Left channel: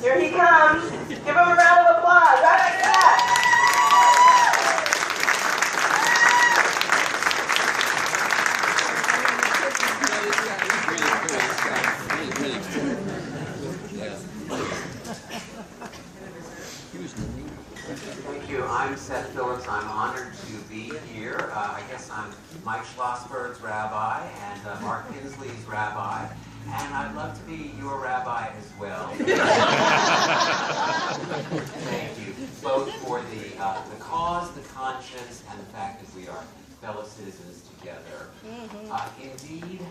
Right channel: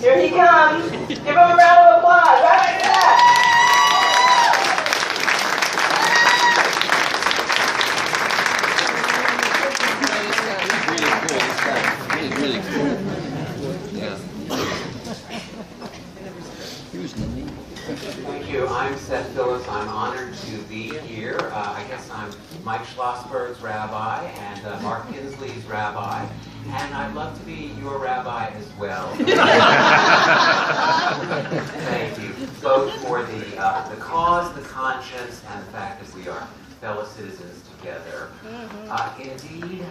Here he comes. Give him a round of applause. Right after that. Thank you. I'm Seth Phillips. I'm honored to be here. I guess I'm Mike Schlossberg's rabbi and Mark Kinsley's rabbi, and I'd love to be your rabbi as well. Thank you, both for the cause, the conscience, and the fact that we are fellow citizens together. Indeed,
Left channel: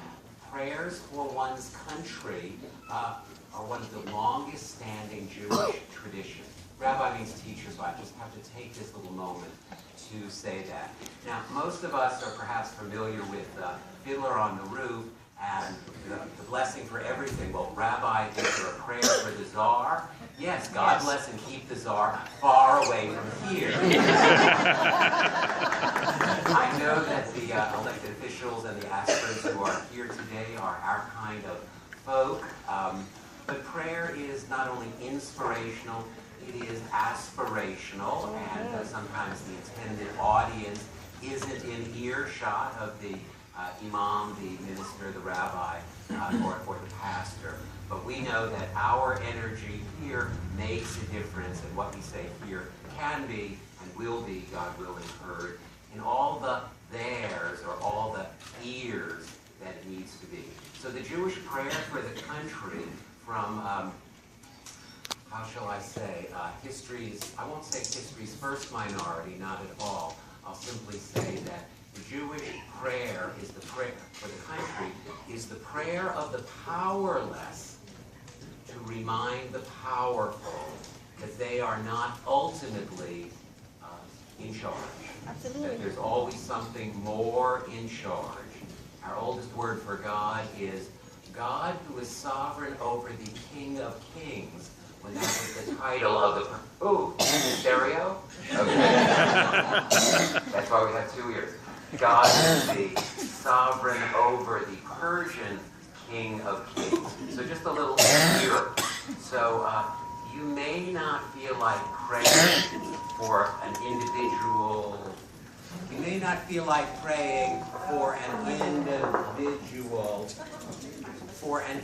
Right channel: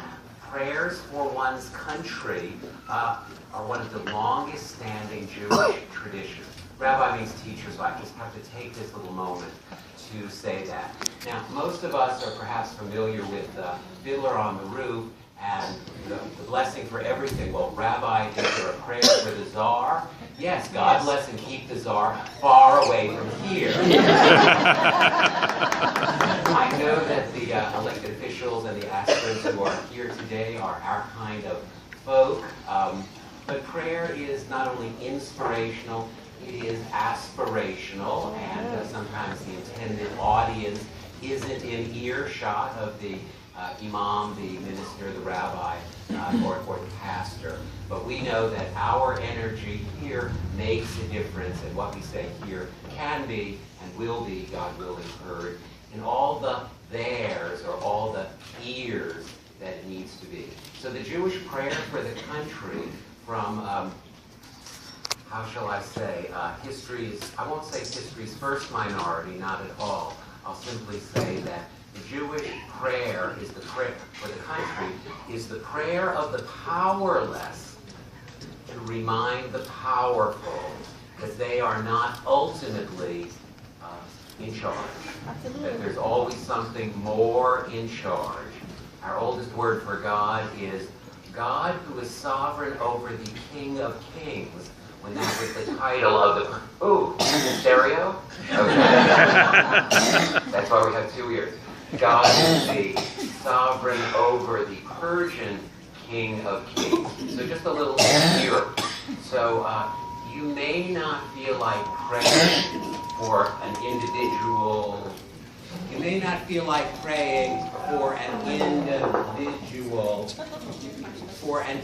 prayers for one's country are one of the longest-standing Jewish traditions. Rabbi means teacher, so I just have to take this little moment to say that. Now, most of us are perhaps familiar with Fiddler on the Roof and the blessing for everything. Well, Rabbi, is there a prayer for the Tsar? Yes, God bless and keep the Tsar far away from here. I know that the elected officials and the aspirants who are here today are our kind of folk, but prayer is not only inspirational, it is aspirational, and sometimes the intended audience isn't in earshot of the imam, the minister, the rabbi, or the pastor. But we know that our energy here makes a difference, and what we say here can be and will be, God willing, heard in all the theirs or all the ears that it needs to be. So the Jewish prayer for the country from how shall I say, history's, I won't say history's first minority, not at all. I'll simply say that the Jewish prayer is the prayer for the country, is the prayer of the powerless to remind the powerful that they are not ultimately in charge. That there's always something more in charge. Our oldest word for God is God, who is sovereign over the King of Kings. When that was the title of the... Ooh, stereo? Okay. That's why we have two ears. God is the sovereign over the Persian King of Kings. So just a little here. So you may not feel like praying for an individual... You may not feel like praying for an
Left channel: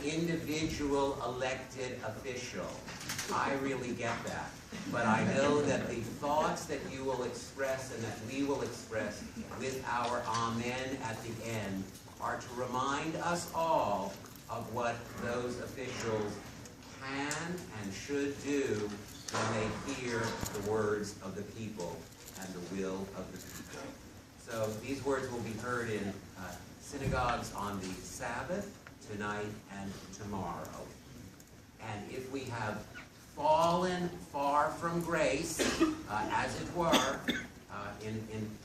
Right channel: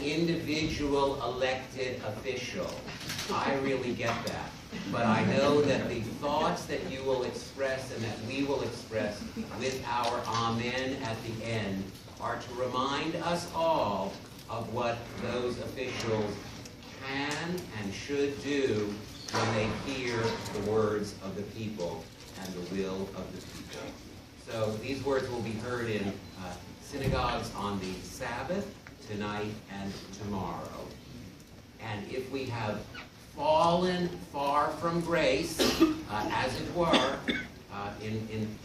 individual elected official. I really get that. But I know that the thoughts that you will express and that we will express with our amen at the end are to remind us all of what those officials can and should do when they hear the words of the people and the will of the people. So these words will be heard in synagogues on the Sabbath, tonight, and tomorrow. And if we have fallen far from grace, as it were, in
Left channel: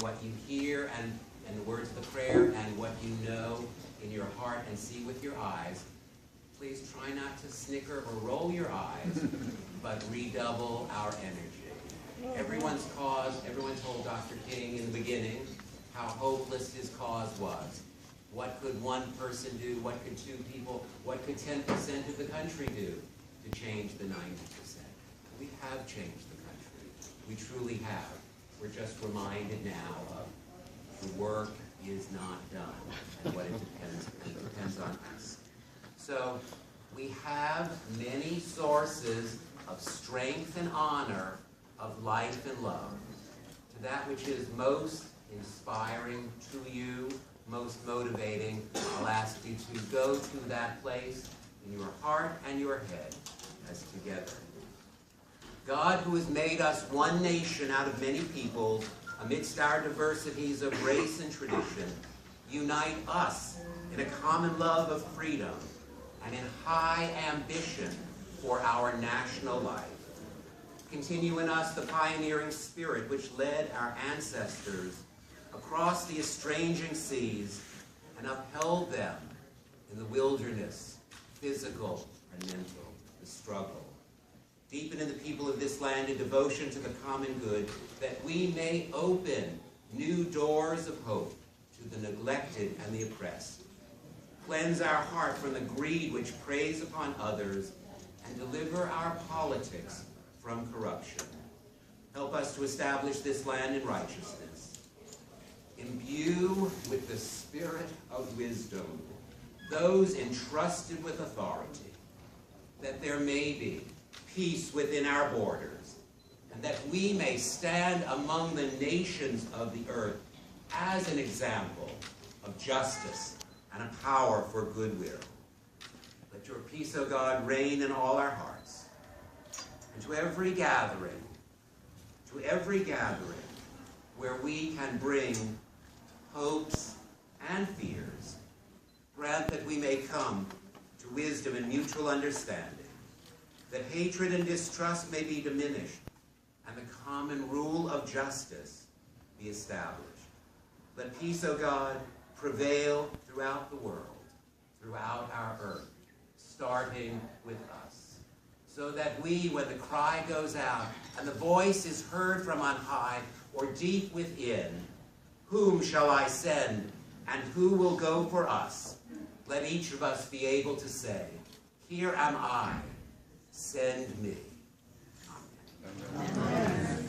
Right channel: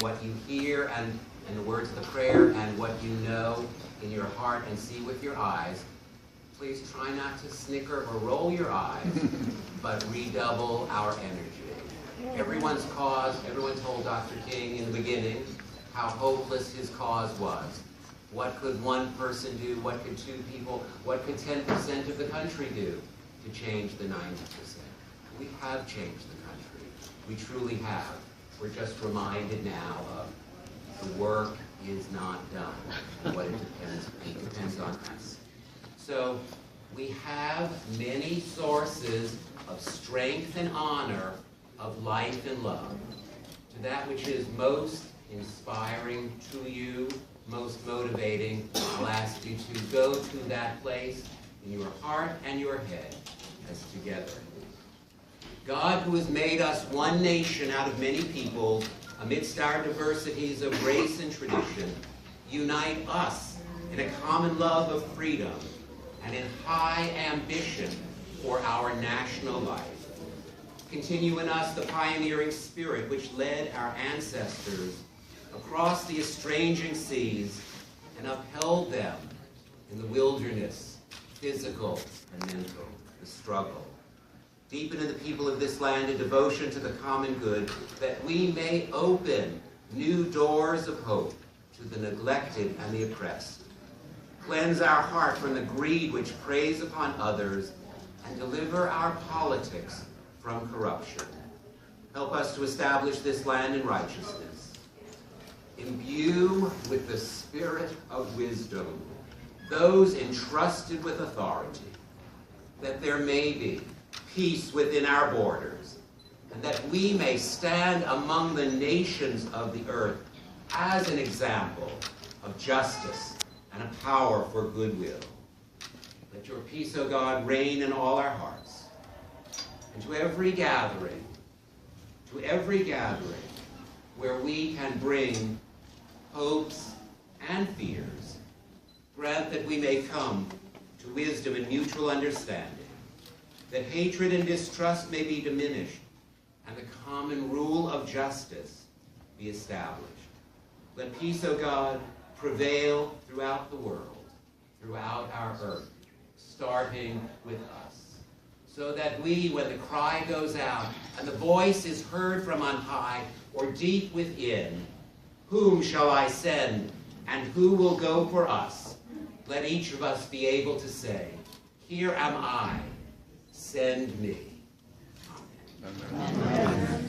what you hear and in the words of the prayer and what you know in your heart and see with your eyes, please try not to snicker or roll your eyes, but redouble our energy. Everyone's cause, everyone told Dr. King in the beginning how hopeless his cause was. What could one person do? What could two people? What could 10% of the country do to change the 90%? We have changed the country. We truly have. We're just reminded now of the work is not done and what it depends on us. So we have many sources of strength and honor, of life and love, to that which is most inspiring to you, most motivating. I'll ask you to go to that place in your heart and your head as together. God, who has made us one nation out of many peoples, amidst our diversities of race and tradition, unite us in a common love of freedom and in high ambition for our national life. Continue in us the pioneering spirit which led our ancestors across the estranging seas and upheld them in the wilderness, physical and mental, the struggle. Deepen in the people of this land a devotion to the common good, that we may open new doors of hope to the neglected and the oppressed. Cleanse our heart from the greed which preys upon others, and deliver our politics from corruption. Help us to establish this land in righteousness. Imbue with the spirit of wisdom those entrusted with authority, that there may be peace within our borders, and that we may stand among the nations of the earth as an example of justice and a power for goodwill. Let your peace, O God, reign in all our hearts. And to every gathering where we can bring hopes and fears, grant that we may come to wisdom and mutual understanding, that hatred and distrust may be diminished, and the common rule of justice be established. Let peace, O God, prevail throughout the world, throughout our earth, starting with us, so that we, when the cry goes out and the voice is heard from on high or deep within, whom shall I send and who will go for us? Let each of us be able to say, here am I, send me. Amen.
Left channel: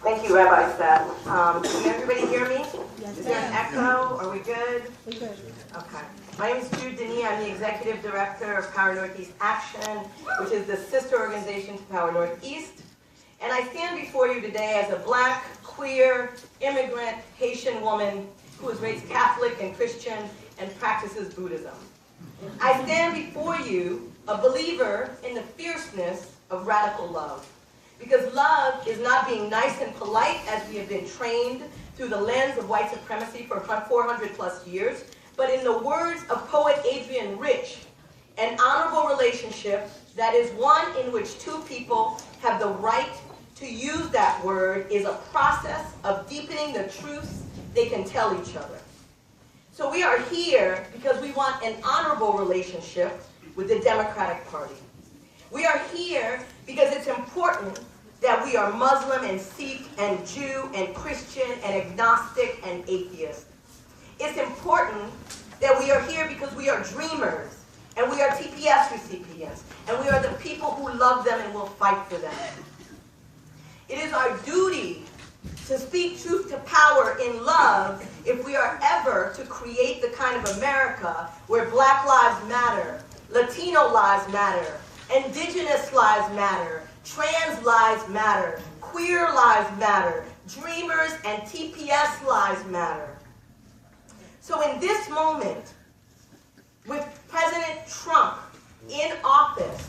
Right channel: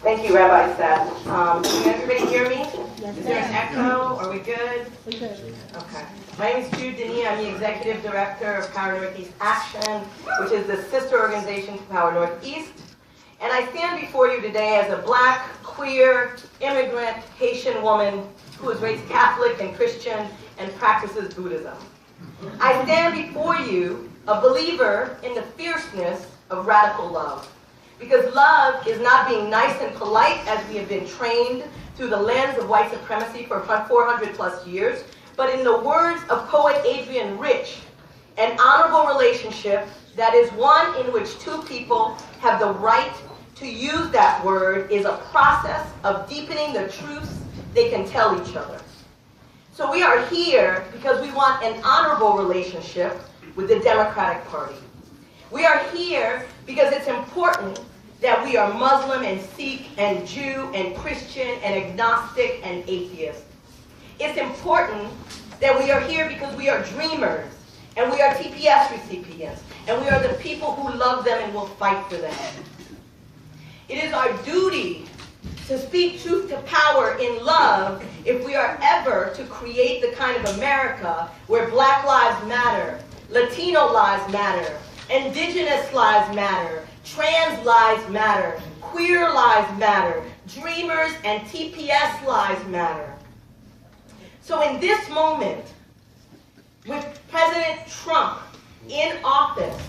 Thank you, Rabbi Seth. Can everybody hear me? Is there an echo? Are we good? We're good. Okay. My name is Jude Denis. I'm the Executive Director of Power Northeast Action, which is the sister organization to Power Northeast. And I stand before you today as a black, queer, immigrant, Haitian woman who was raised Catholic and Christian and practices Buddhism. I stand before you a believer in the fierceness of radical love. Because love is not being nice and polite as we have been trained through the lens of white supremacy for 400 plus years, but in the words of poet Adrienne Rich, an honorable relationship that is one in which two people have the right to use that word is a process of deepening the truths they can tell each other. So we are here because we want an honorable relationship with the Democratic Party. We are here because it's important that we are Muslim and Sikh and Jew and Christian and agnostic and atheist. It's important that we are here because we are dreamers and we are TPS recipients and we are the people who love them and will fight for them. It is our duty to speak truth to power in love if we are ever to create the kind of America where Black lives matter, Latino lives matter, Indigenous lives matter, trans lives matter, queer lives matter, dreamers and TPS lives matter. So in this moment, with President Trump in office,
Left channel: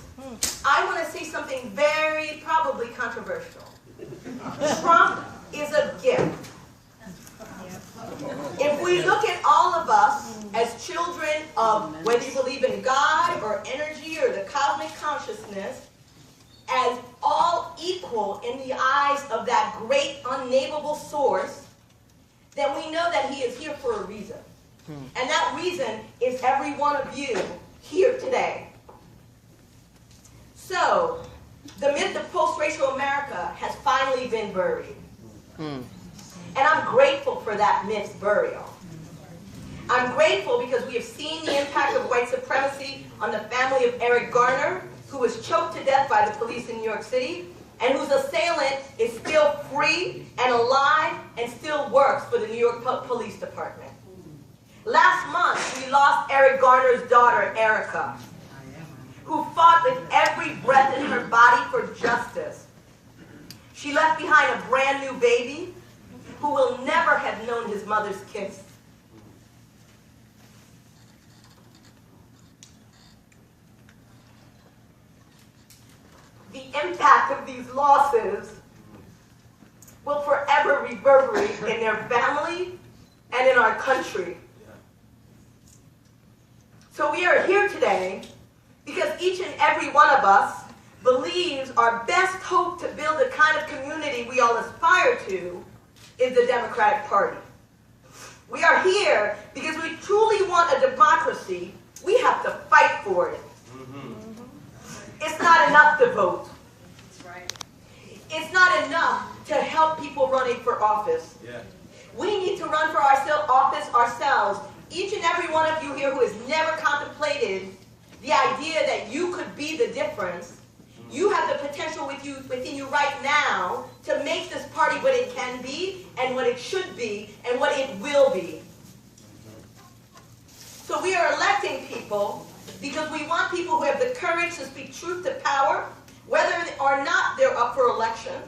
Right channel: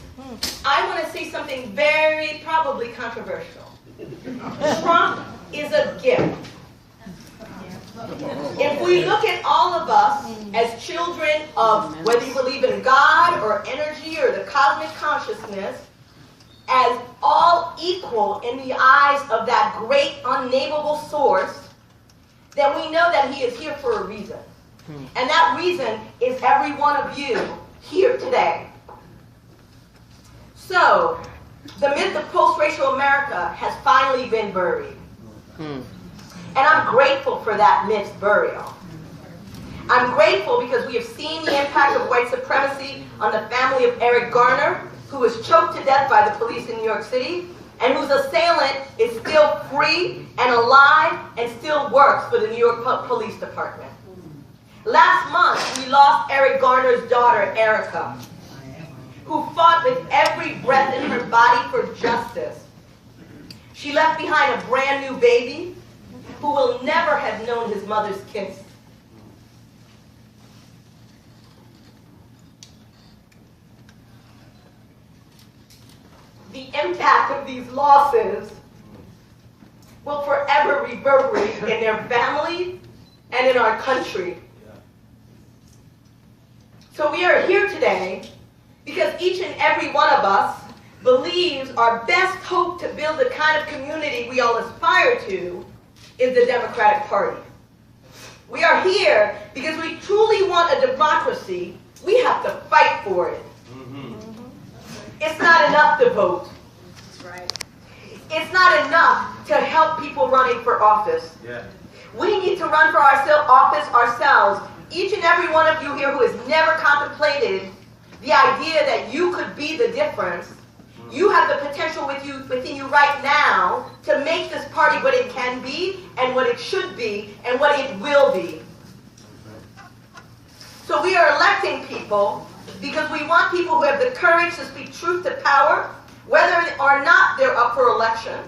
I want to say something very probably controversial. Trump is a gift. If we look at all of us as children of whether you believe in God or energy or the cosmic consciousness, as all equal in the eyes of that great unnameable source, then we know that he is here for a reason. And that reason is every one of you here today. So, the myth of post-racial America has finally been buried. And I'm grateful for that myth's burial. I'm grateful because we have seen the impact of white supremacy on the family of Eric Garner, who was choked to death by the police in New York City, and whose assailant is still free and alive and still works for the New York Police Department. Last month, we lost Eric Garner's daughter, Erica, who fought with every breath in her body for justice. She left behind a brand new baby who will never have known his mother's kiss. The impact of these losses will forever reverberate in their family and in our country. So we are here today because each and every one of us believes our best hope to build the kind of community we all aspire to is the Democratic Party. We are here because we truly want a democracy. We have to fight for it. It's not enough to vote. It's not enough to help people running for office. We need to run for office ourselves. Each and every one of you here who has never contemplated the idea that you could be the difference, you have the potential within you right now to make this party what it can be and what it should be and what it will be. So we are electing people because we want people who have the courage to speak truth to power, whether or not they're up for election.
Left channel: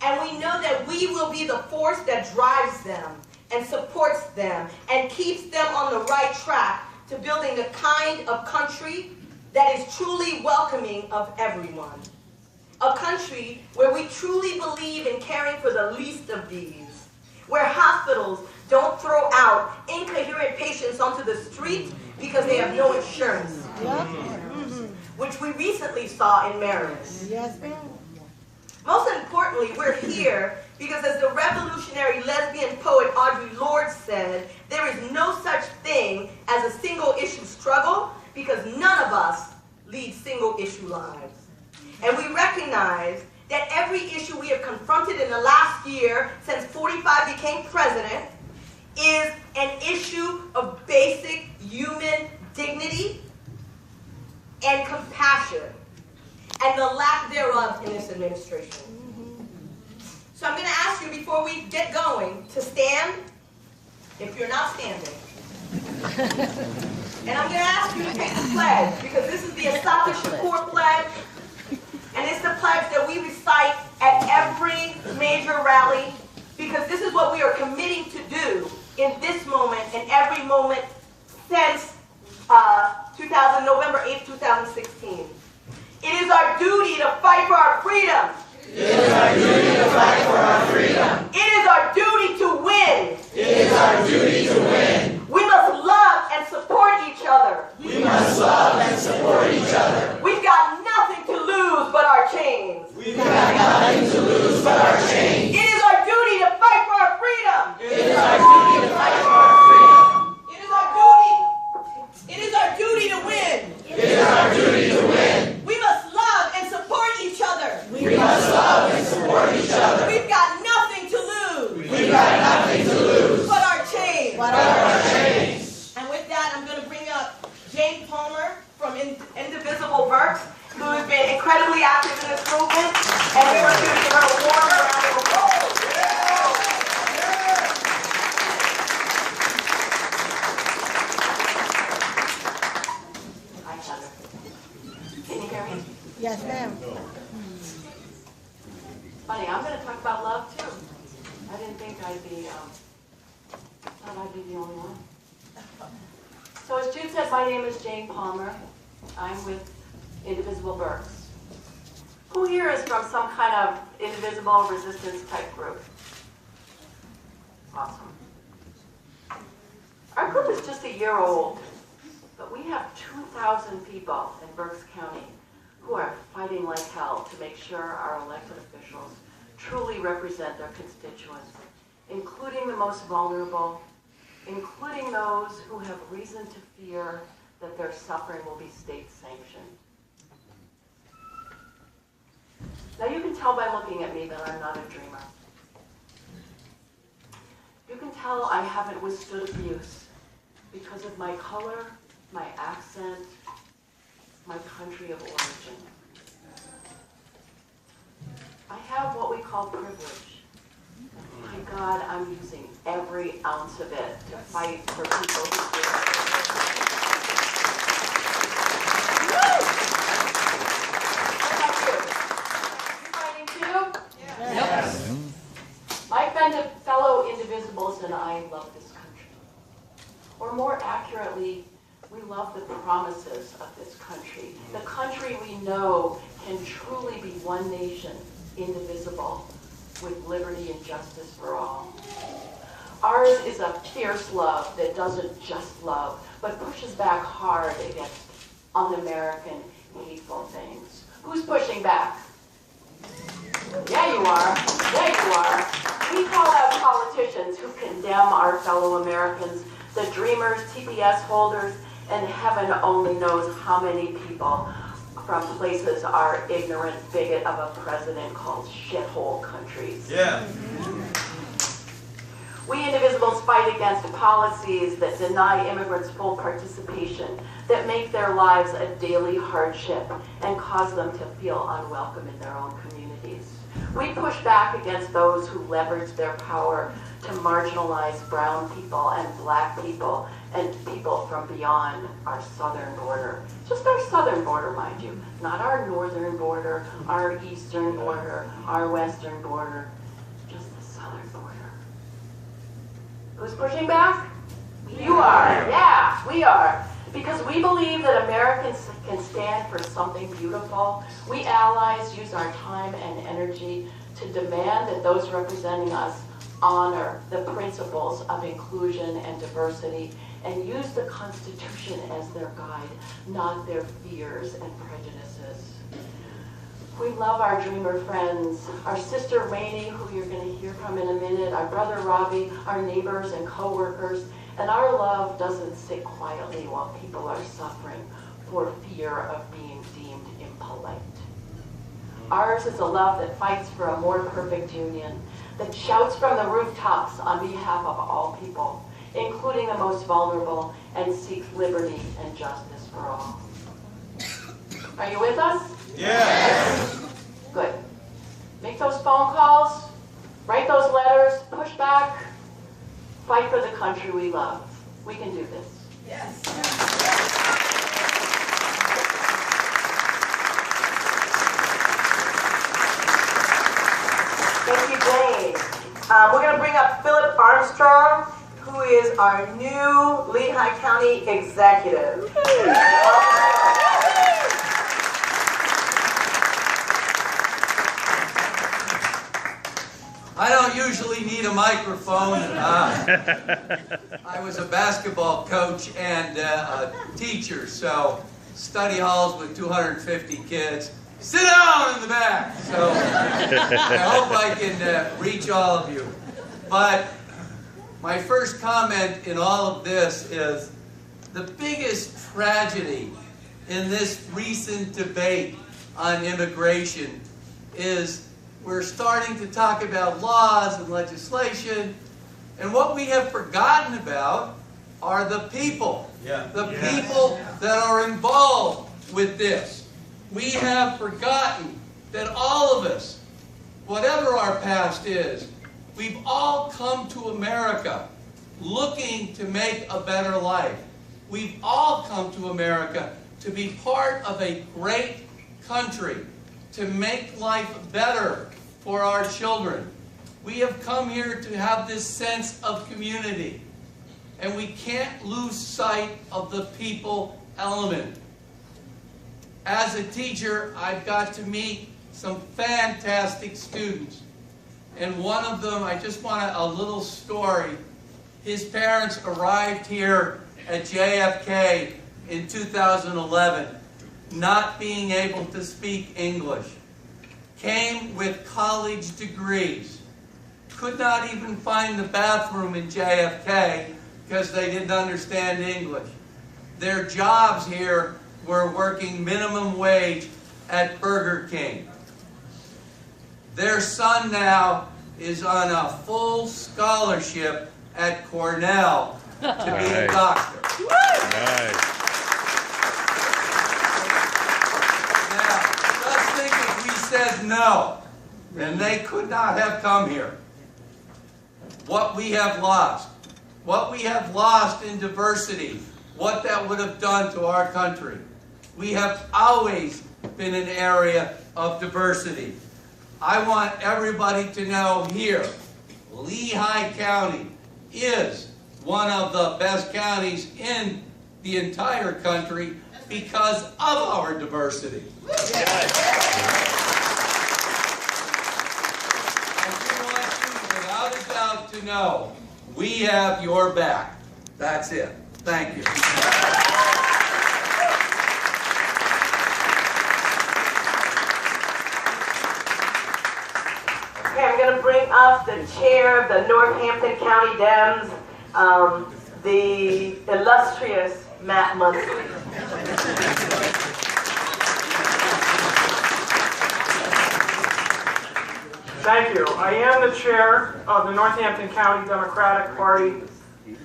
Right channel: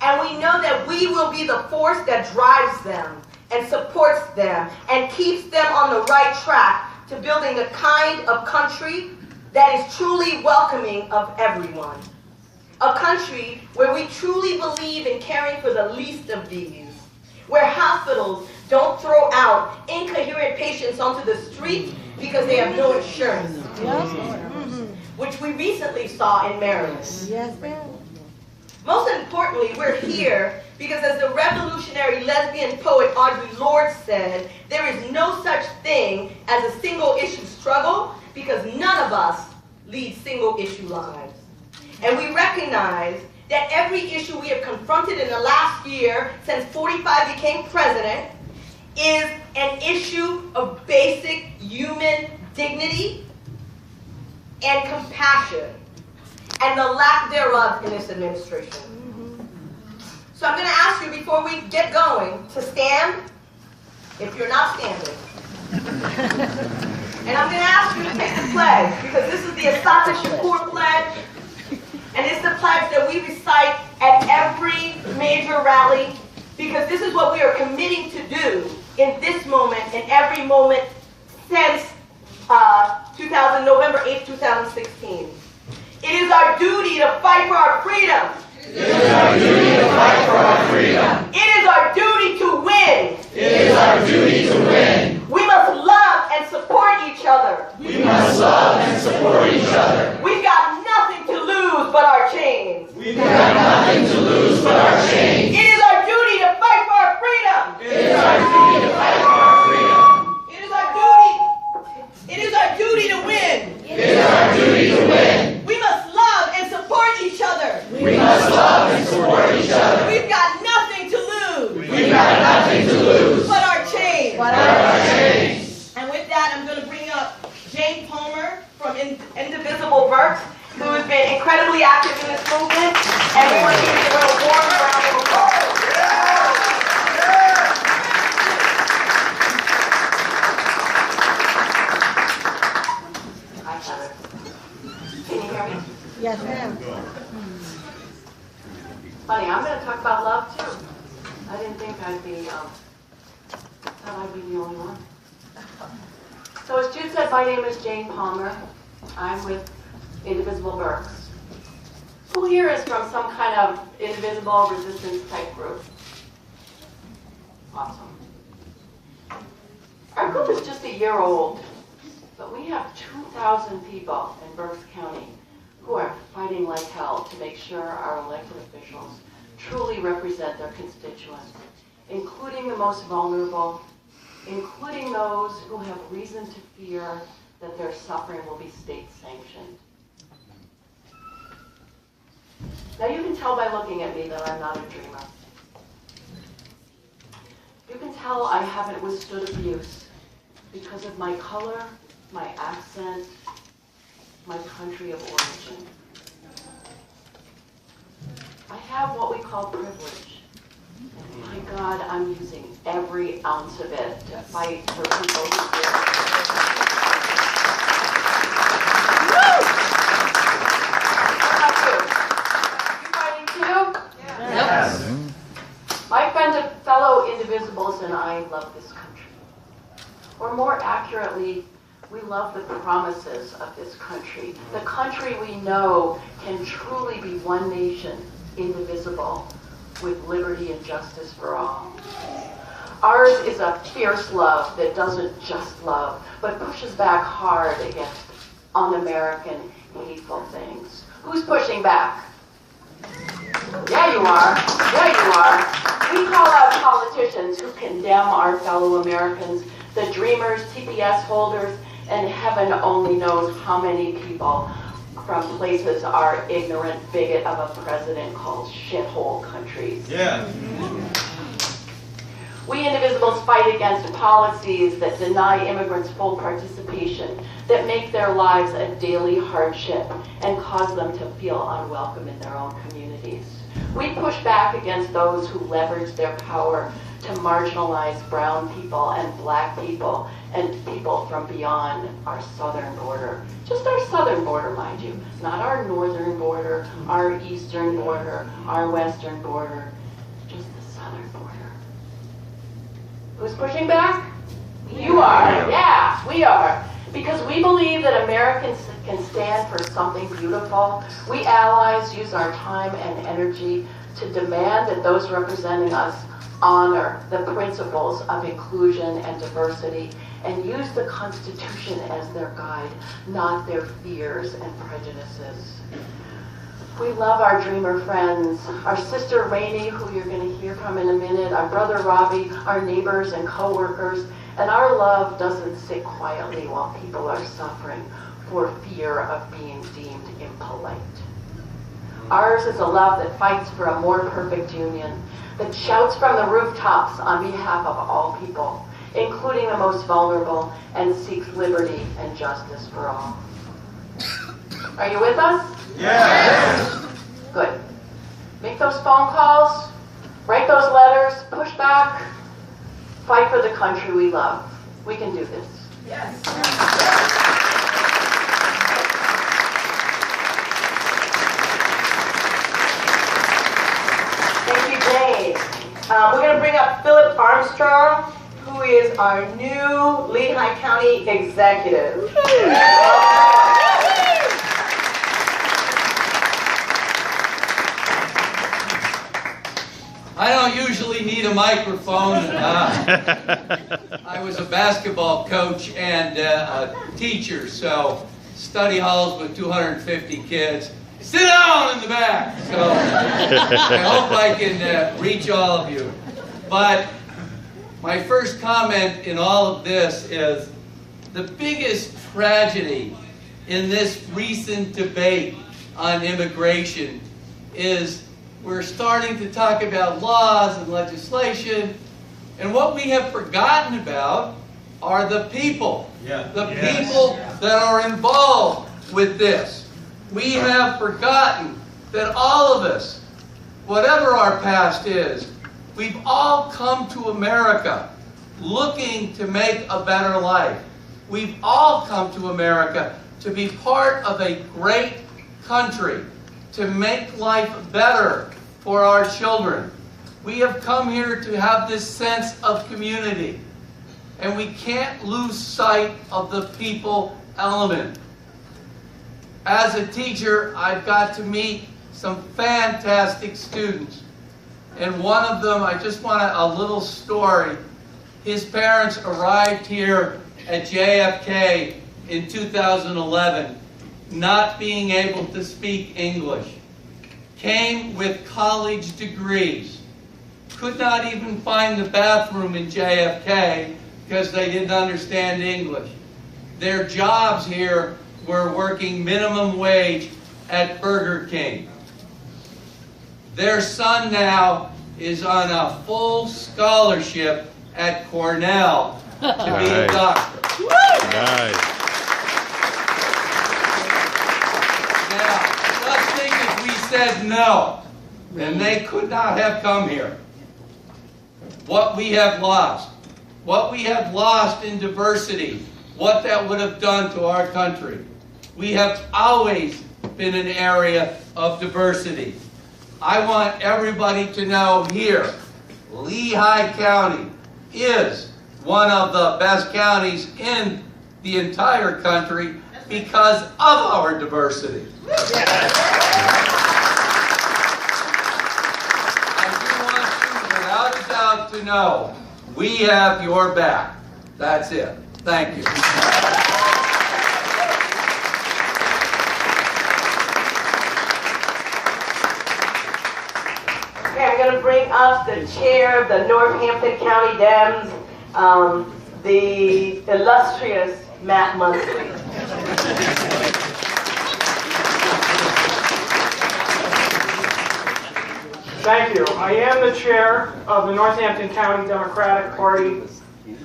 And we know that we will be the force that drives them and supports them and keeps them on the right track to building the kind of country that is truly welcoming of everyone. A country where we truly believe in caring for the least of these, where hospitals don't throw out incoherent patients onto the street because they have no insurance, which we recently saw in Maryland. Yes, ma'am. Most importantly, we're here because, as the revolutionary lesbian poet Audre Lorde said, there is no such thing as a single-issue struggle because none of us lead single-issue lives. And we recognize that every issue we have confronted in the last year, since 45 became president, is an issue of basic human dignity and compassion, and the lack thereof in this administration. So I'm going to ask you, before we get going, to stand, if you're not standing. And I'm going to ask you to take the pledge, because this is the Assata Shakur pledge, and it's the pledge that we recite at every major rally, because this is what we are committing to do in this moment and every moment since November 8, 2016. It is our duty to fight for our freedom. It is our duty to fight for our freedom. It is our duty to win. It is our duty to win. We must love and support each other. We must love and support each other. We've got nothing to lose but our chains. We've got nothing to lose but our chains. It is our duty to fight for our freedom. It is our duty to fight for our freedom. It is our duty. It is our duty to win. It is our duty to win. We must love and support each other. We must love and support each other. We've got nothing to lose We've got nothing to lose but our chains. but our chains. And with that, I'm going to bring up Jane Palmer from Indivisible Burks, who has been incredibly active in this movement, and we want you to give her a warm round of applause. I have it. Can you hear me? Yes, ma'am. Funny, I'm going to talk about love too. I didn't think I'd be the only one. So as Jude said, my name is Jane Palmer. I'm with Indivisible Burks. Who here is from some kind of indivisible resistance type group? Awesome. Our group is just a year old, but we have 2,000 people in Berks County who are fighting like hell to make sure our elected officials truly represent their constituents, including the most vulnerable, including those who have reason to fear that their suffering will be state-sanctioned. Now you can tell by looking at me that I'm not a dreamer. You can tell I haven't withstood abuse because of my color, my accent, my country of origin. I have what we call privilege. My God, I'm using every ounce of it to fight for people who feel. What about you? You fighting too? Yes. My fellow indivisibles and I love this country. Or more accurately, we love the promises of this country. The country we know can truly be one nation, indivisible, with liberty and justice for all. Ours is a fierce love that doesn't just love, but pushes back hard against un-American, hateful things. Who's pushing back? Yeah, you are. Yeah, you are. We call out politicians who condemn our fellow Americans, the dreamers, TPS holders, and heaven only knows how many people from places our ignorant bigot of a president calls shithole countries. Yeah. We indivisibles fight against policies that deny immigrants full participation, that make their lives a daily hardship and cause them to feel unwelcome in their own communities. We push back against those who leverage their power to marginalize brown people and black people and people from beyond our southern border. Just our southern border, mind you, not our northern border, our eastern border, our western border, just the southern border. Who's pushing back? You are. Yeah, we are. Because we believe that Americans can stand for something beautiful. We allies use our time and energy to demand that those representing us honor the principles of inclusion and diversity and use the Constitution as their guide, not their fears and prejudices. We love our dreamer friends, our sister Rainey, who you're going to hear from in a minute, our brother Robbie, our neighbors and co-workers, and our love doesn't sit quietly while people are suffering for fear of being deemed impolite. Ours is a love that fights for a more perfect union, that shouts from the rooftops on behalf of all people, including the most vulnerable, and seeks liberty and justice for all. Are you with us? Yes. Good. Make those phone calls, write those letters, push back, fight for the country we love. We can do this. Yes. Thank you, Jane. We're going to bring up Philip Armstrong, who is our new Lehigh County executive. I don't usually need a microphone. I was a basketball coach and a teacher, so study halls with 250 kids. Sit down in the back. So I hope I can reach all of you. But my first comment in all of this is the biggest tragedy in this recent debate on immigration is we're starting to talk about laws and legislation, and what we have forgotten about are the people. The people that are involved with this. We have forgotten that all of us, whatever our past is, we've all come to America looking to make a better life. We've all come to America to be part of a great country, to make life better for our children. We have come here to have this sense of community, and we can't lose sight of the people element. As a teacher, I've got to meet some fantastic students, and one of them, I just want a little story. His parents arrived here at JFK in 2011, not being able to speak English. Came with college degrees, could not even find the bathroom in JFK because they didn't understand English. Their jobs here were working minimum wage at Burger King. Their son now is on a full scholarship at Cornell to be a doctor. Nice. Now, just think if we said no, and they could not have come here. What we have lost in diversity, what that would have done to our country. We have always been an area of diversity. I want everybody to know here, Lehigh County is one of the best counties in the entire country because of our diversity. I do want you, without a doubt, to know we have your back. That's it. Thank you. Okay, I'm going to bring up the chair of the Northampton County Dems, the illustrious Matt Munsley. Thank you. I am the chair of the Northampton County Democratic Party,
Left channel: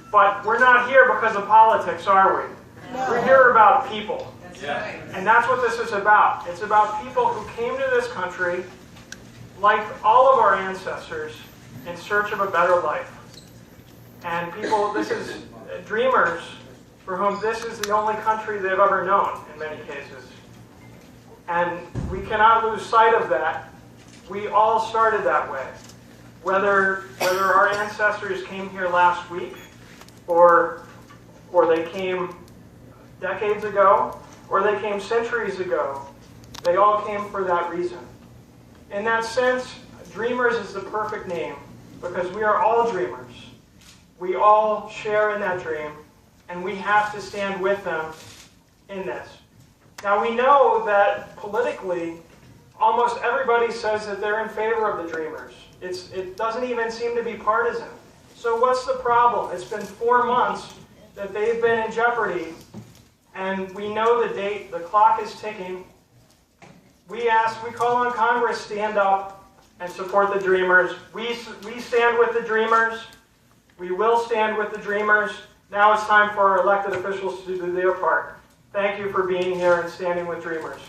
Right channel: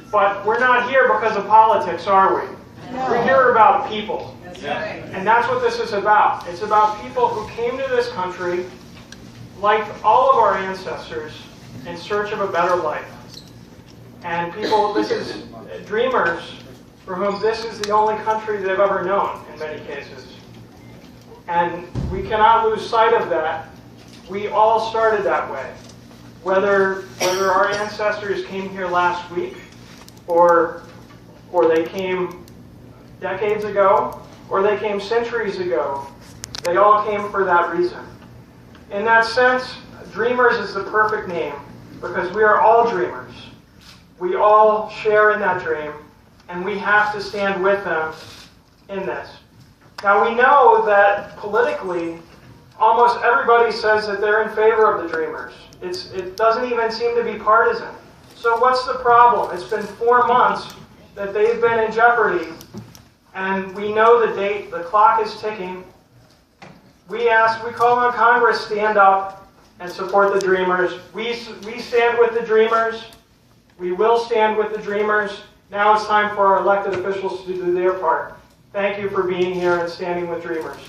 but we're not here because of politics, are we? We're here about people. And that's what this is about. It's about people who came to this country, like all of our ancestors, in search of a better life. And people, this is dreamers for whom this is the only country they've ever known in many cases. And we cannot lose sight of that. We all started that way. Whether our ancestors came here last week, or they came decades ago, or they came centuries ago, they all came for that reason. In that sense, Dreamers is the perfect name because we are all dreamers. We all share in that dream, and we have to stand with them in this. Now we know that politically, almost everybody says that they're in favor of the Dreamers. It doesn't even seem to be partisan. So what's the problem? It's been 4 months that they've been in jeopardy, and we know the date, the clock is ticking. We call on Congress, stand up and support the Dreamers. We stand with the Dreamers. We will stand with the Dreamers. Now it's time for our elected officials to do their part. Thank you for being here and standing with Dreamers.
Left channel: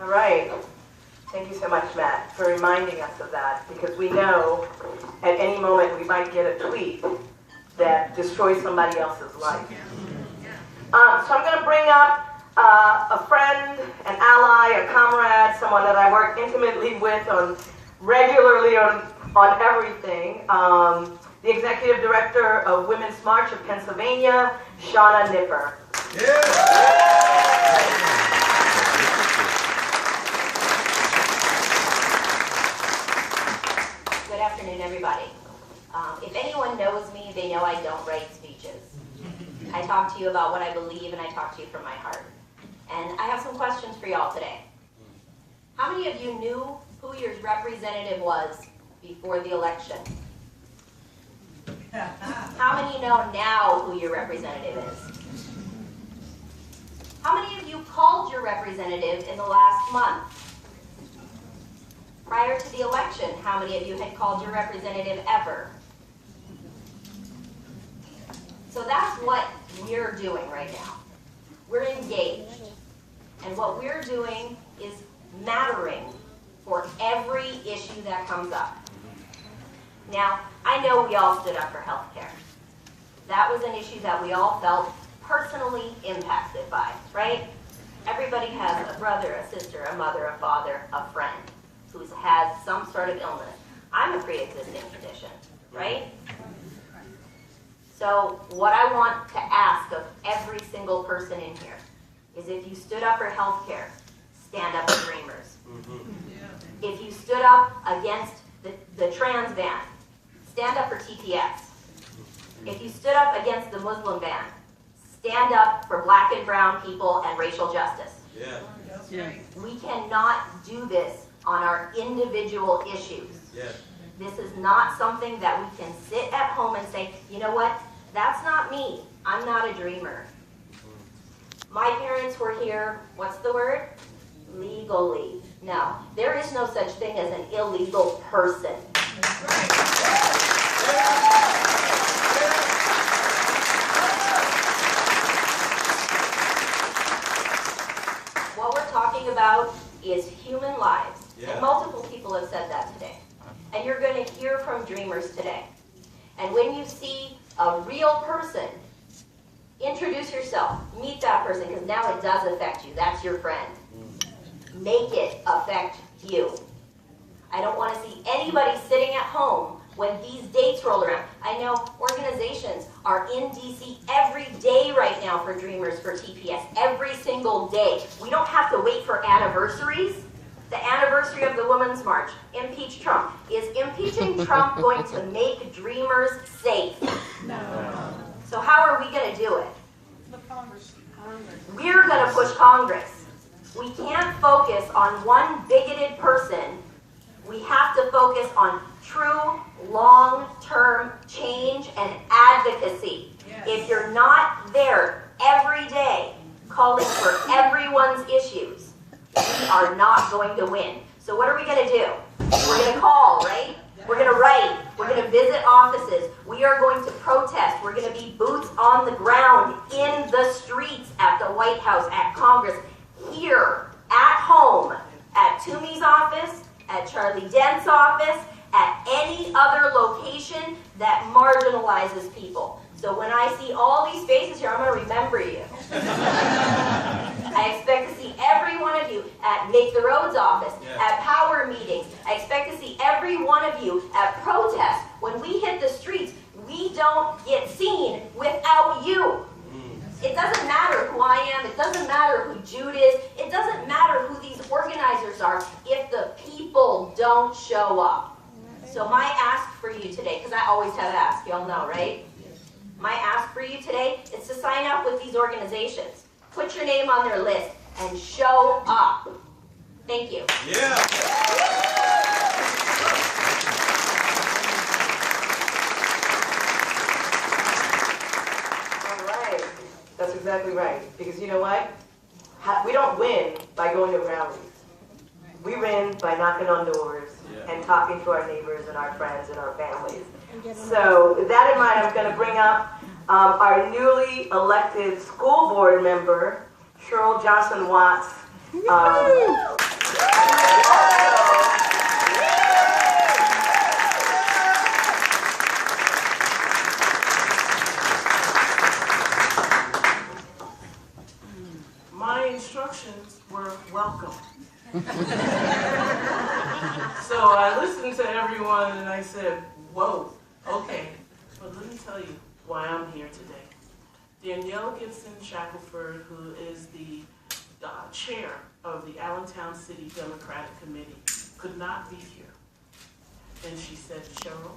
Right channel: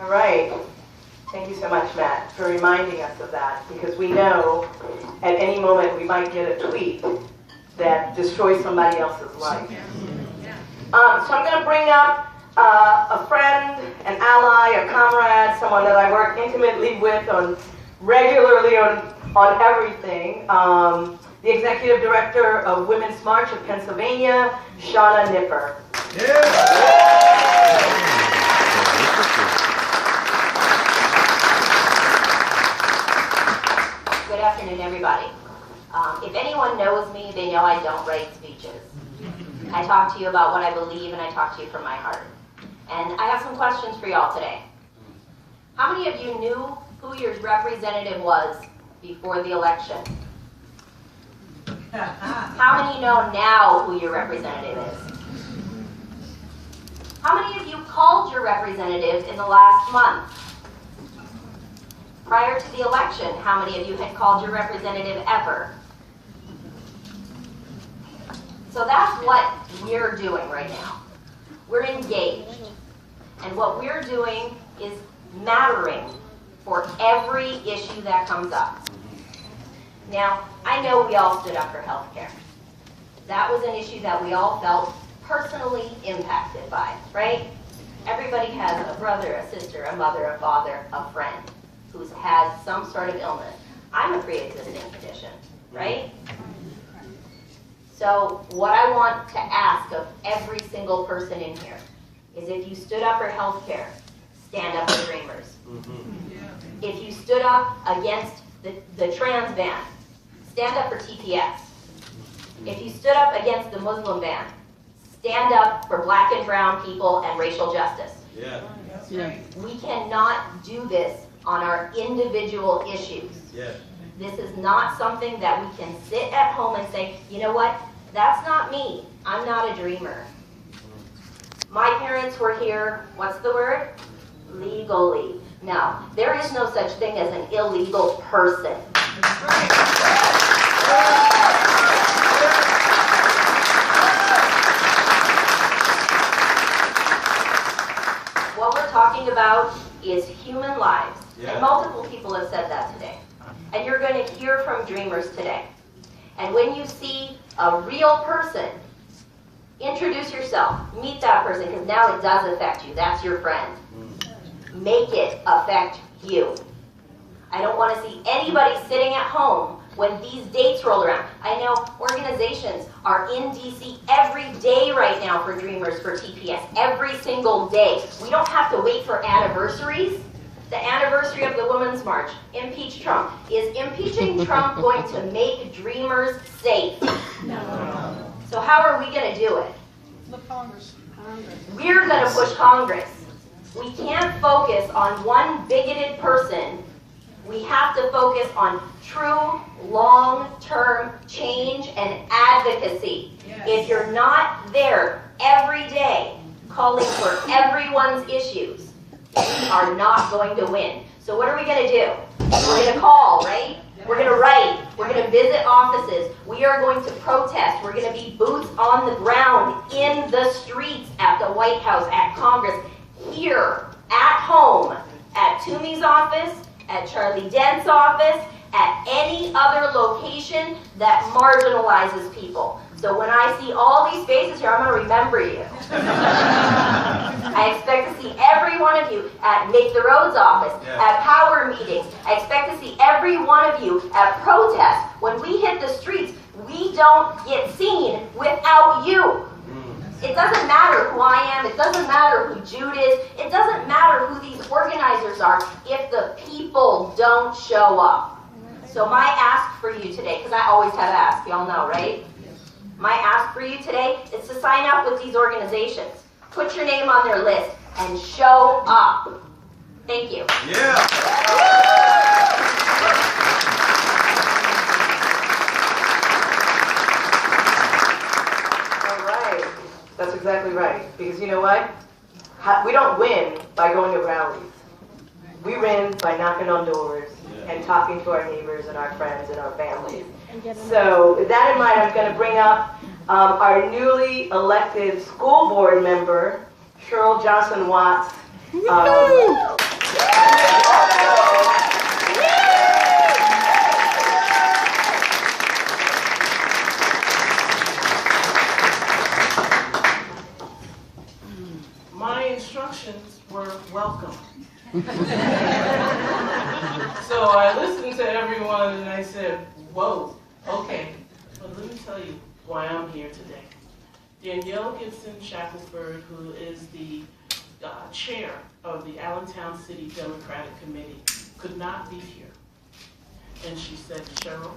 All right. Thank you so much, Matt, for reminding us of that, because we know at any moment we might get a tweet that destroys somebody else's life. So I'm going to bring up a friend, an ally, a comrade, someone that I work intimately with regularly on everything. The Executive Director of Women's March of Pennsylvania, Shauna Nipper. Good afternoon, everybody. If anyone knows me, they know I don't write speeches. I talk to you about what I believe, and I talk to you from my heart. And I have some questions for y'all today. How many of you knew who your representative was before the election? How many know now who your representative is? How many of you called your representative in the last month? Prior to the election, how many of you had called your representative ever? So that's what we're doing right now. We're engaged. And what we're doing is mattering for every issue that comes up. Now, I know we all stood up for health care. That was an issue that we all felt personally impacted by, right? Everybody has a brother, a sister, a mother, a father, a friend who's had some sort of illness. I'm a pre-existing condition, right? So what I want to ask of every single person in here is, if you stood up for health care, stand up for Dreamers. If you stood up against the trans ban, stand up for TPS. If you stood up against the Muslim ban, stand up for black and brown people and racial justice. We cannot do this on our individual issues. This is not something that we can sit at home and say, you know what, that's not me. I'm not a dreamer. My parents were here, what's the word? Legally. Now, there is no such thing as an illegal person. What we're talking about is human lives. And multiple people have said that today. And you're going to hear from Dreamers today. And when you see a real person, introduce yourself, meet that person, because now it does affect you. That's your friend. Make it affect you. I don't want to see anybody sitting at home when these dates roll around. I know organizations are in DC every day right now for Dreamers, for TPS, every single day. We don't have to wait for anniversaries. The anniversary of the Women's March, impeach Trump. Is impeaching Trump going to make Dreamers safe? No. So how are we going to do it? We're going to push Congress. We can't focus on one bigoted person. We have to focus on true long-term change and advocacy. If you're not there every day calling for everyone's issues, we are not going to win. So what are we going to do? We're going to call, right? We're going to write. We're going to visit offices. We are going to protest. We're going to be boots on the ground in the streets, at the White House, at Congress, here, at home, at Toomey's office, at Charlie Dent's office, at any other location that marginalizes people. So when I see all these faces here, I'm going to remember you. I expect to see every one of you at Make the Roads office, at power meetings. I expect to see every one of you at protests. When we hit the streets, we don't get seen without you. It doesn't matter who I am. It doesn't matter who Jude is. It doesn't matter who these organizers are if the people don't show up. So my ask for you today, because I always have ask, y'all know, right? My ask for you today is to sign up with these organizations. Put your name on their list and show up. Thank you. Yeah. All right. That's exactly right. Because you know what? We don't win by going to rallies. We win by knocking on doors and talking to our neighbors and our friends and our families. So with that in mind, I'm going to bring up our newly elected school board member, Cheryl Johnson-Watts. My instructions were welcome. So I listened to everyone and I said, whoa, okay, but let me tell you why I'm here today. Danielle Gibson Shackelford, who is the chair of the Allentown City Democratic Committee, could not be here. And she said, Cheryl,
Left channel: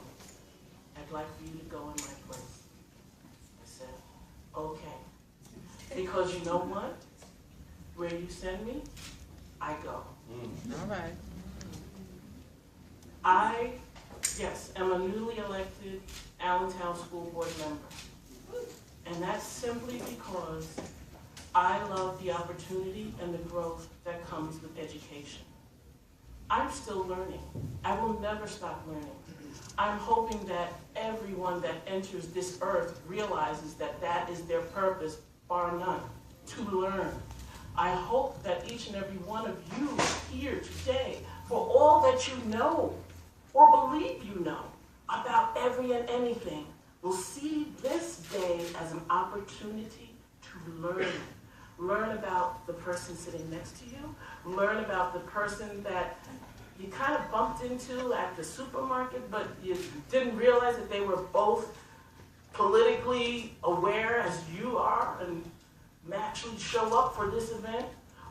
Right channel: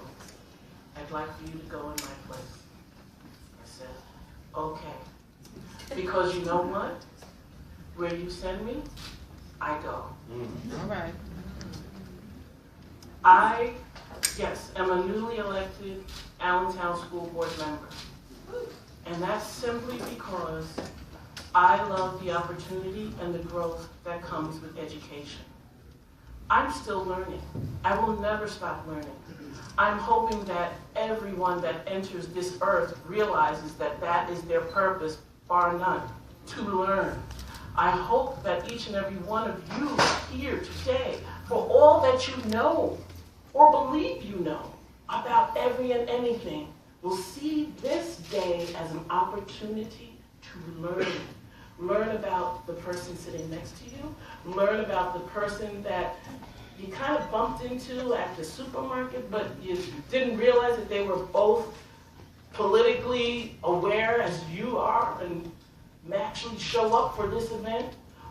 I'd like for you to go in my place. I said, okay. Because you know what? Where you send me, I go. All right. I, yes, am a newly elected Allentown School Board member. And that's simply because I love the opportunity and the growth that comes with education. I'm still learning. I will never stop learning. I'm hoping that everyone that enters this earth realizes that that is their purpose, bar none, to learn. I hope that each and every one of you here today, for all that you know or believe you know about every and anything, will see this day as an opportunity to learn. Learn about the person sitting next to you. Learn about the person that you kind of bumped into at the supermarket, but you didn't realize that they were both politically aware as you are and actually show up for this event.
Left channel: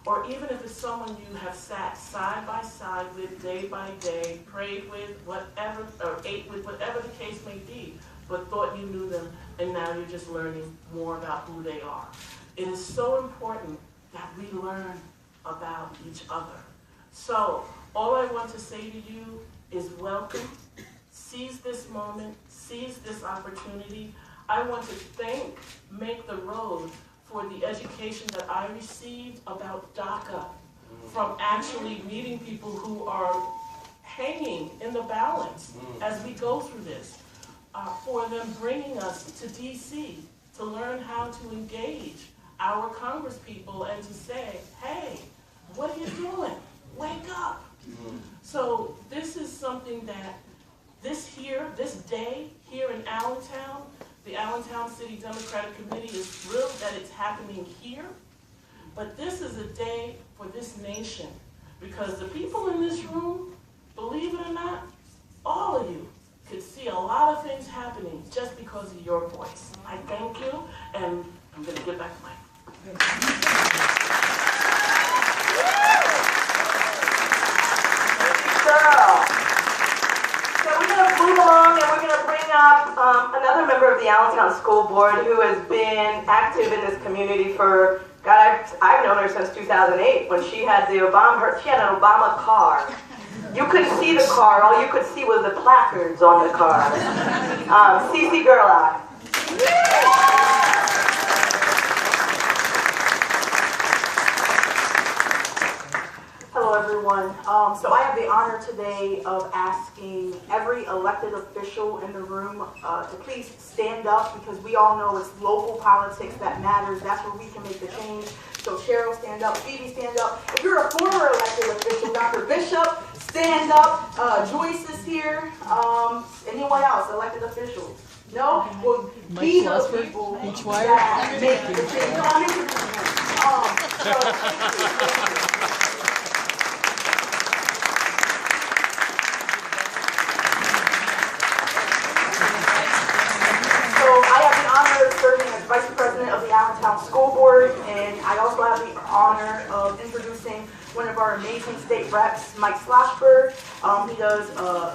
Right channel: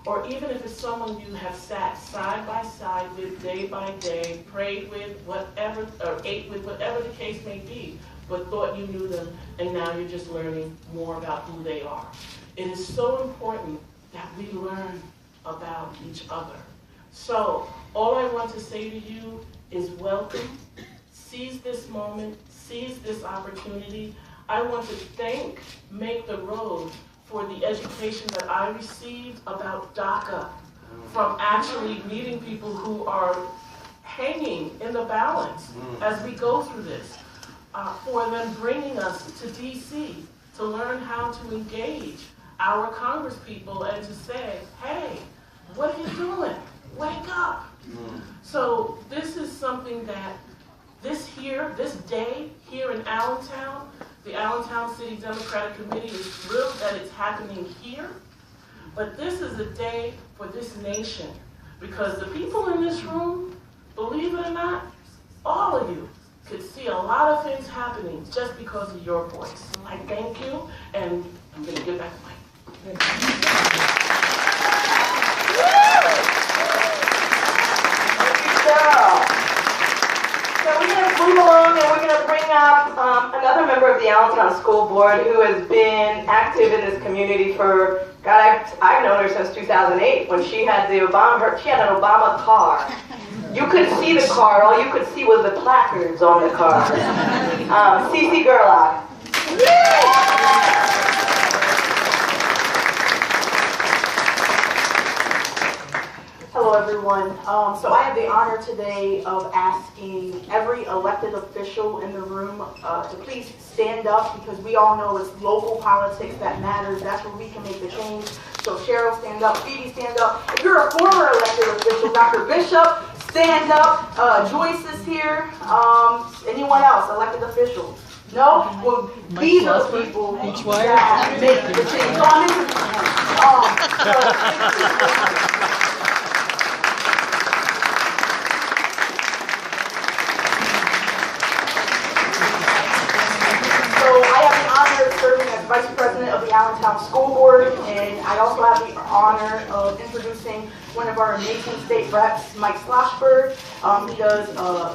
Or even if it's someone you have sat side by side with, day by day, prayed with, whatever, or ate with, whatever the case may be, but thought you knew them, and now you're just learning more about who they are. It is so important that we learn about each other. So, all I want to say to you is welcome. Seize this moment, seize this opportunity. I want to thank Make the Road for the education that I received about DACA, from actually meeting people who are hanging in the balance as we go through this, for them bringing us to DC to learn how to engage our Congress people and to say, hey, what are you doing? Wake up. So this is something that this day here in Allentown, the Allentown City Democratic Committee is thrilled that it's happening here, but this is a day for this nation, because the people in this room, believe it or not, all of you could see a lot of things happening just because of your voice. I thank you, and I'm going to get back to my So we're going to move along and we're going to bring up another member of the Allentown School Board who has been active in this community for, God, I've known her since 2008 when she had an Obama car. You couldn't see the car, all you could see was the placards on the car. Cece Gerlach. Hello, everyone. So I have the honor today of asking every elected official in the room to please stand up, because we all know it's local politics that matters. That's where we can make the change. So Cheryl, stand up. Phoebe, stand up. If you're a former elected official, Dr. Bishop, stand up. Joyce is here. Anyone else, elected officials? No? Well, these are the people that make the change. So I'm serving as Vice President of the Allentown School Board, and I also have the honor of introducing one of our amazing state reps, Mike Sloshberg. He does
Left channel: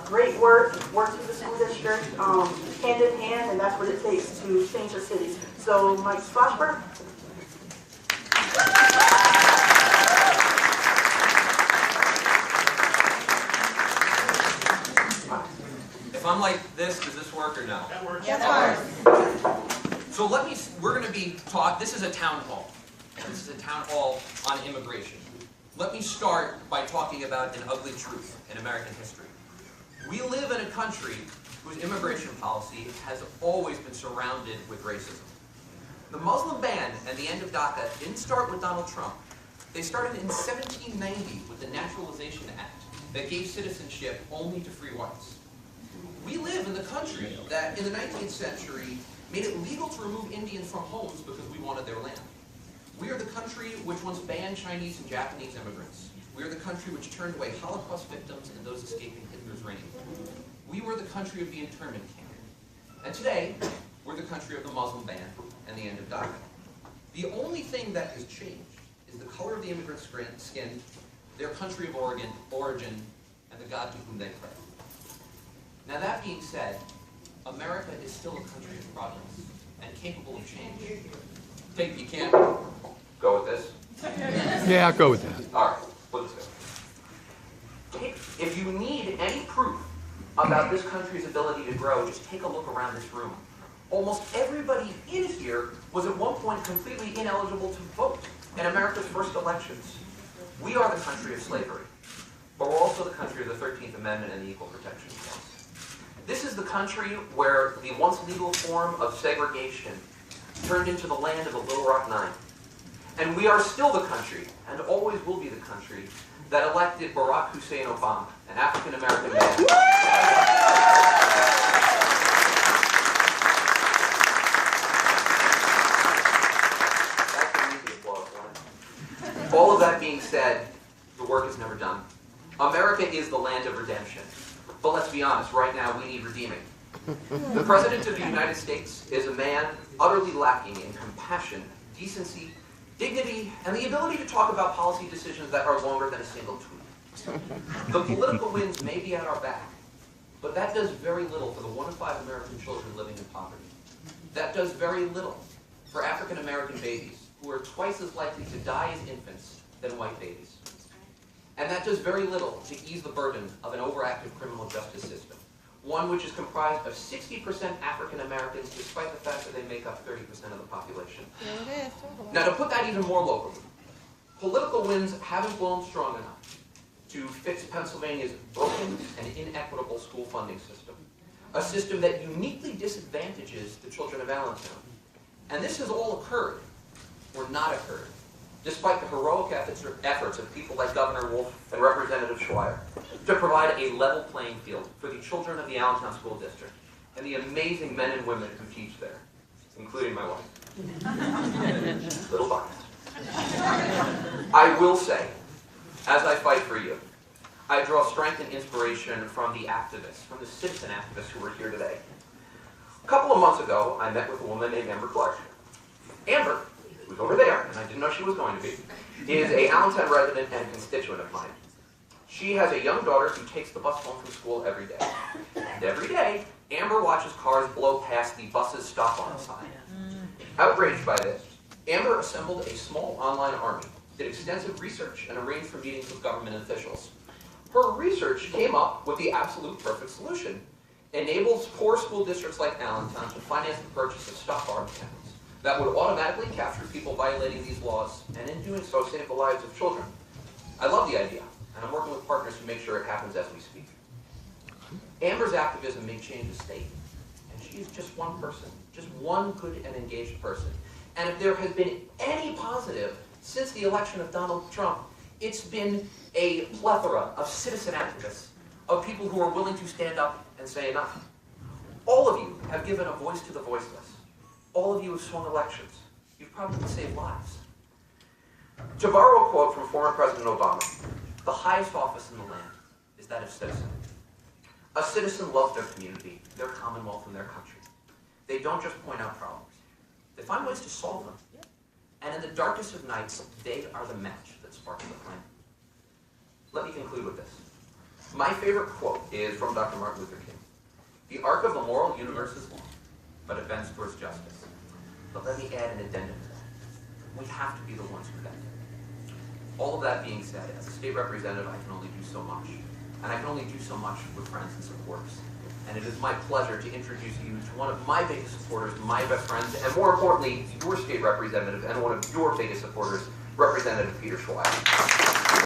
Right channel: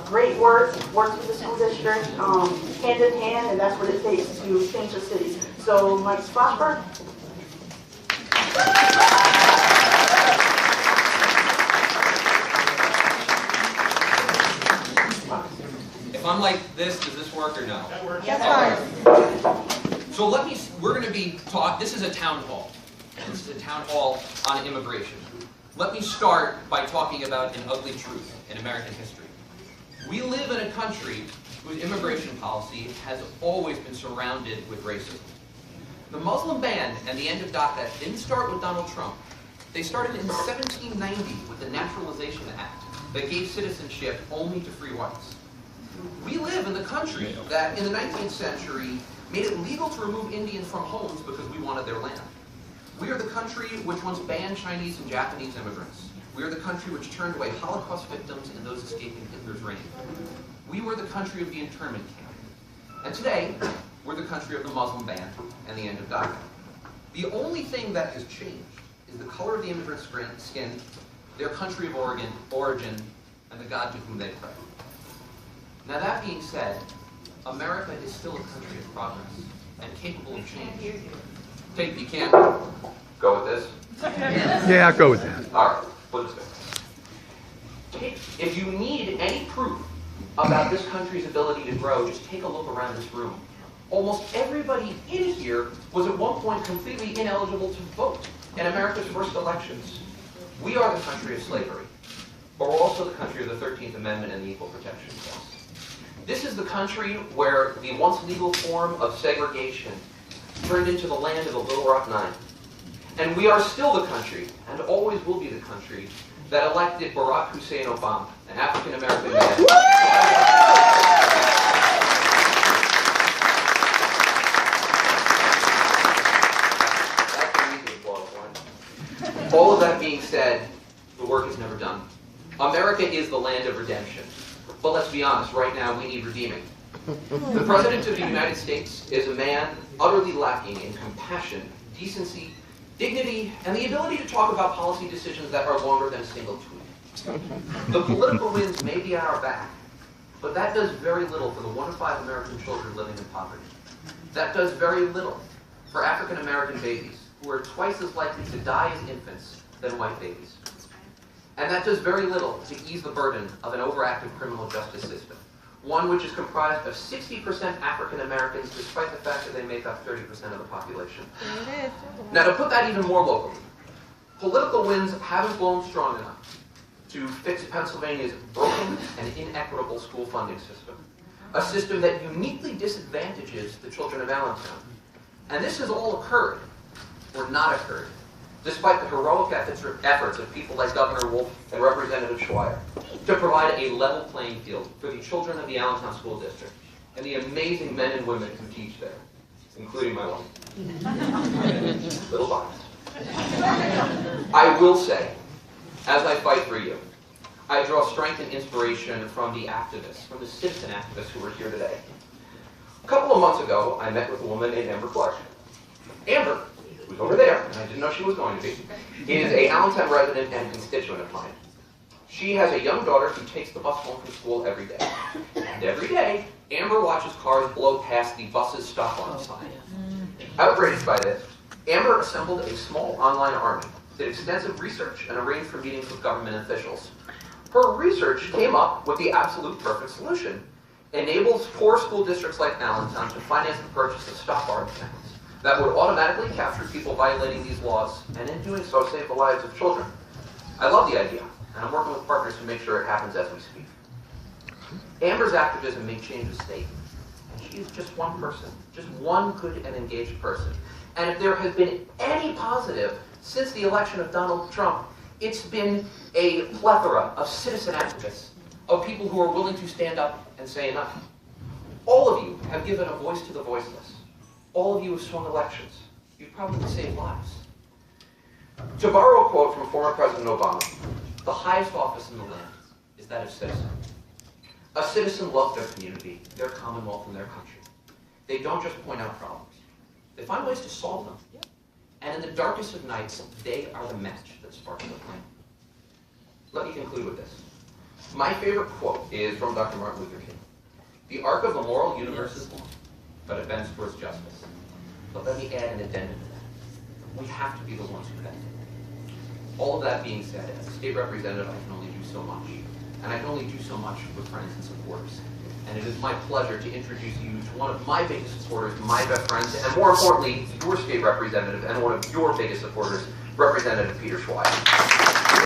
great work, works with the school district hand in hand, and that's what it takes to change the cities. So, Mike Sloshberg. If I'm like this, does this work or no? That works. Yes, So we're going to be taught, this is a town hall. And this is a town hall on immigration. Let me start by talking about an ugly truth in American history. We live in a country whose immigration policy has always been surrounded with racism. The Muslim ban and the end of DACA didn't start with Donald Trump. They started in 1790 with the Naturalization Act that gave citizenship only to free whites. We live in the country that in the 19th century made it legal to remove Indians from homes because we wanted their land. We are the country which once banned Chinese and Japanese immigrants. We are the country which turned away Holocaust victims and those escaping Hitler's reign. We were the country of the internment camp. And today, we're the country of the Muslim ban and the end of DACA. The only thing that has changed is the color of the immigrant's skin, their country of origin, and the God to whom they pray. Now that being said, America is still a country of progress and capable of change. Tate, you can't go with this? Yeah, I'll go with that. All right, put this way. If you need any proof about this country's ability to grow, just take a look around this room. Almost everybody in here was at one point completely ineligible to vote in America's first elections. We are the country of slavery, but we're also the country of the 13th Amendment and the Equal Protection Clause. This is the country where the once legal form of segregation turned into the land of the Little Rock Nine. And we are still the country, and always will be the country, that elected Barack Hussein Obama, an African-American man. That's an easy applause one. All of that being said, the work is never done. America is the land of redemption. But let's be honest, right now we need redeeming. The President of the United States is a man utterly lacking in compassion, decency, dignity, and the ability to talk about policy decisions that are longer than a single tweet. The political winds may be at our back, but that does very little for the 1 in 5 American children living in poverty. That does very little for African American babies, who are twice as likely to die as infants than white babies. And that does very little to ease the burden of an overactive criminal justice system, one which is comprised of 60% African Americans, despite the fact that they make up 30% of the population. Now, to put that even more locally, political winds haven't blown strong enough to fix Pennsylvania's broken and inequitable school funding system, a system that uniquely disadvantages the children of Allentown. And this has all occurred, or not occurred, despite the heroic efforts of people like Governor Wolf and Representative Schweier to provide a level playing field for the children of the Allentown School District and the amazing men and women who teach there, including my wife. Little biased. I will say, as I fight for you, I draw strength and inspiration from the activists, from the citizen activists who were here today. A couple of months ago, I met with a woman named Amber Clark. Amber, who's over there, and I didn't know she was going to be, is a Allentown resident and constituent of mine. She has a young daughter who takes the bus home from school every day. And every day, Amber watches cars blow past the bus's stop arm sign. Outraged by this, Amber assembled a small online army, did extensive research, and arranged for meetings with government officials. Her research came up with the absolute perfect solution. Enables poor school districts like Allentown to finance the purchase of stop arm cameras that would automatically capture people violating these laws, and in doing so, save the lives of children. I love the idea, and I'm working with partners to make sure it happens as we speak. Amber's activism may change the state, and she is just one person, just one good and engaged person. And if there has been any positive since the election of Donald Trump, it's been a plethora of citizen activists, of people who are willing to stand up and say enough. All of you have given a voice to the voiceless. All of you have swung elections. You've probably saved lives. To borrow a quote from former President Obama, the highest office in the land is that of citizen. A citizen loves their community, their commonwealth, and their country. They don't just point out problems. They find ways to solve them. And in the darkest of nights, they are the match that sparks the flame. Let me conclude with this. My favorite quote is from Dr. Martin Luther King. The arc of the moral universe is long, but it bends towards justice. But let me add an addendum to that. We have to be the ones who bend it. All of that being said, as a state representative, I can only do so much. And I can only do so much with friends and supporters. And it is my pleasure to introduce you to one of my biggest supporters, my best friends, and more importantly, your state representative and one of your biggest supporters, Representative Peter Schweier.